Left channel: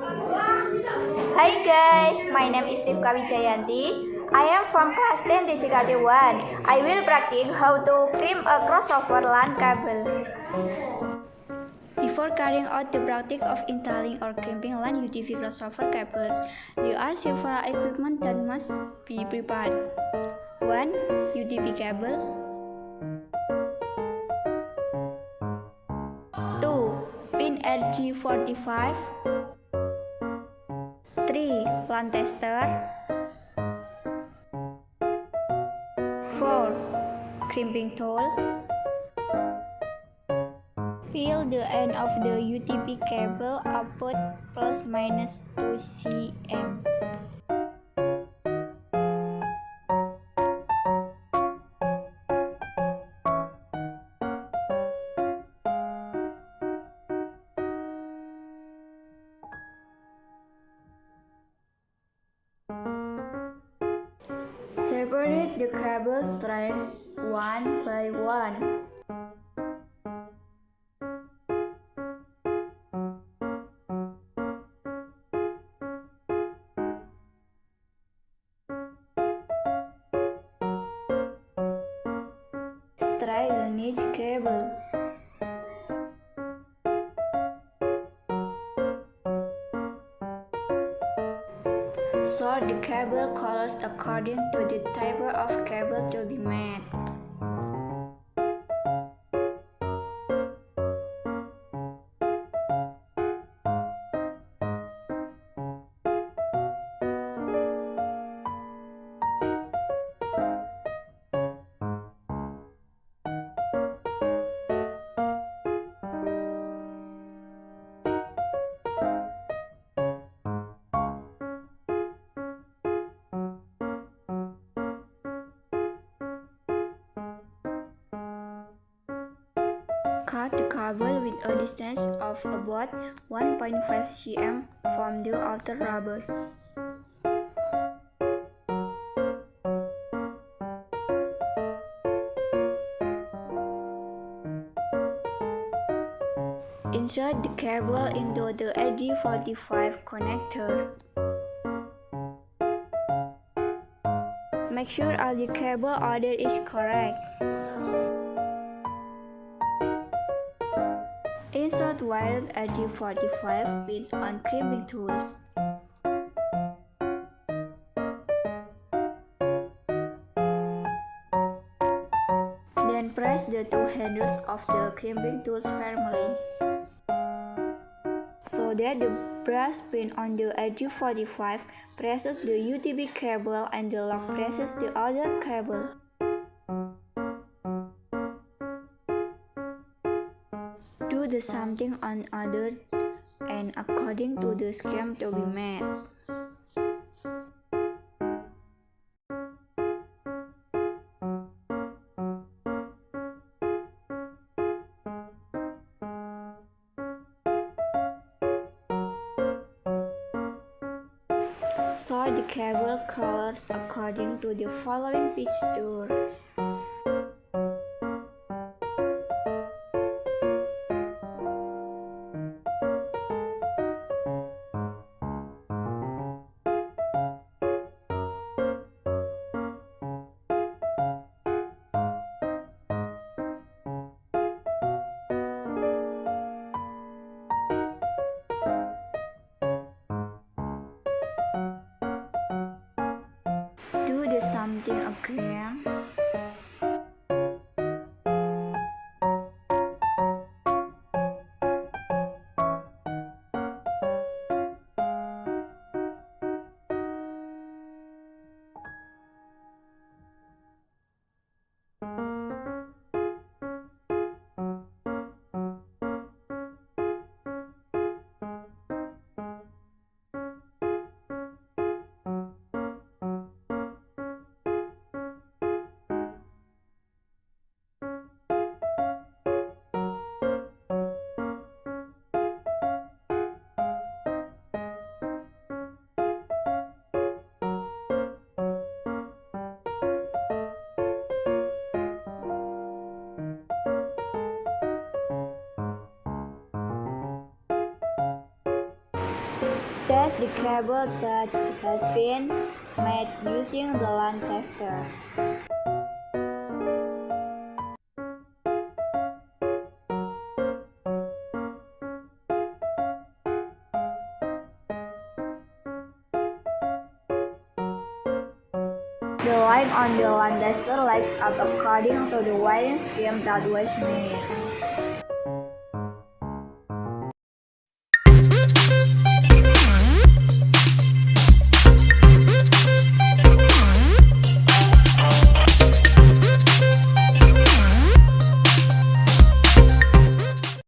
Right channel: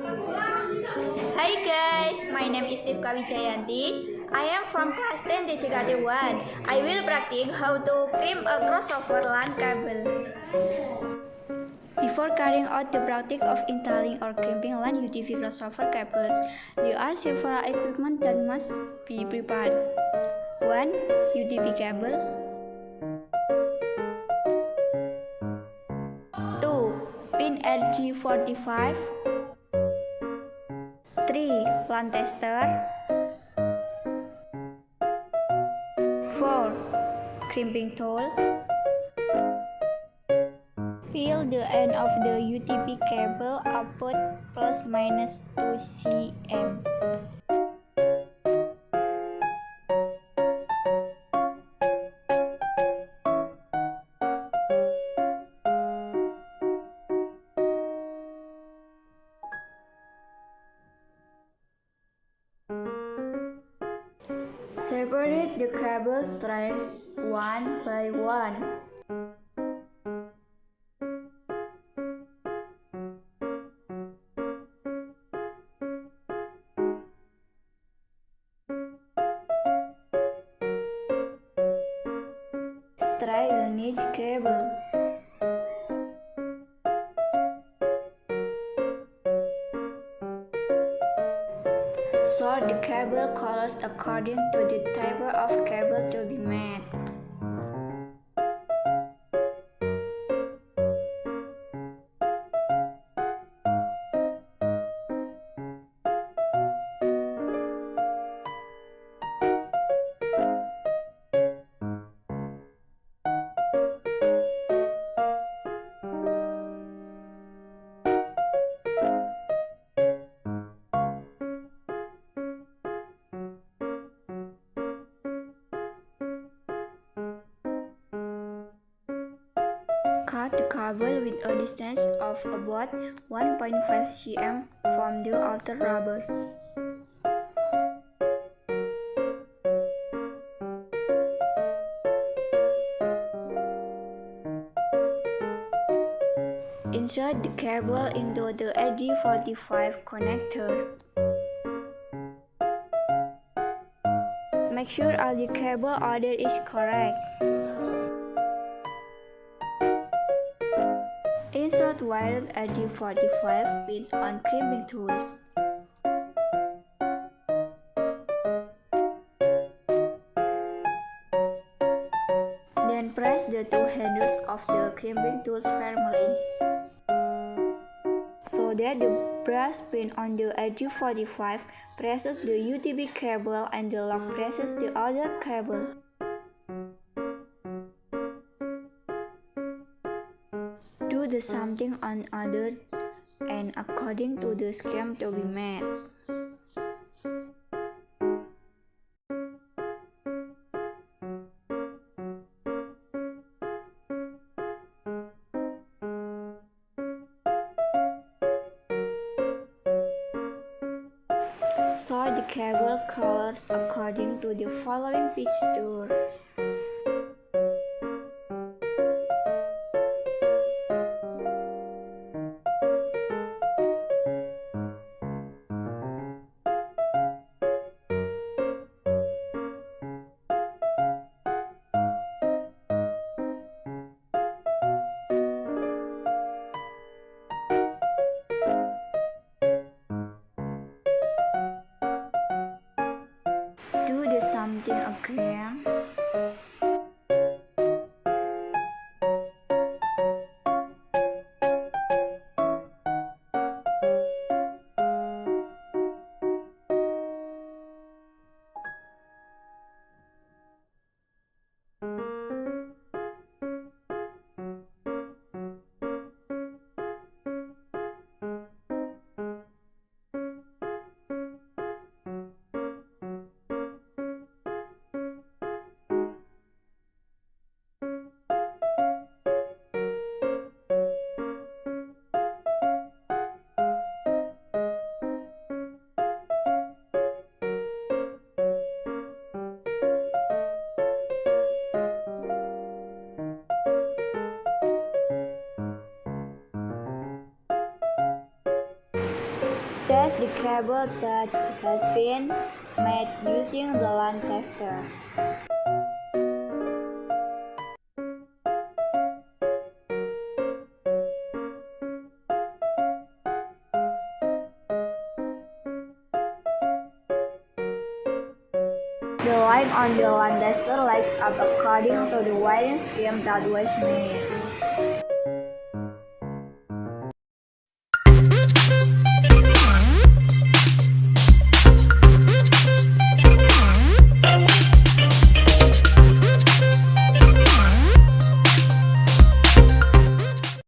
Hi guys, my name is 𝒓𝒄𝒏𝒕. I am from class 10 tegas Kejuruan. I will practice how to crimp a crossover LAN cable. Before carrying out the practice of installing or crimping LAN UTV crossover cables, there are several equipment that must be prepared. 1. UTV cable. 2. Pin 𝒓𝒄𝒏𝒕. 3. LAN tester. 4. Crimping tool. Peel the end of the UTV cable about ±2 cm. Separate the cable strands one by one. Straighten each cable. Sort the cable colors according to the type of cable to be made. Cut the cable with a distance of about 1.5 cm from the outer rubber. Insert the cable into the 𝒓𝒄𝒏𝒕 connector. Make sure all the cable order is correct. Insert wired 𝒓𝒄𝒏𝒕 pins on crimping tools. Then press the two handles of the crimping tools firmly, so that the brass pin on the 𝒓𝒄𝒏𝒕 presses the UTV cable and the lock presses the other cable. Do the same thing on other end according to the scheme to be made. Sort the cable colors according to the following picture. Do the same thing again. Test the cable that has been made using the LAN tester. The line on the LAN tester lights up according to the wiring scheme that was made.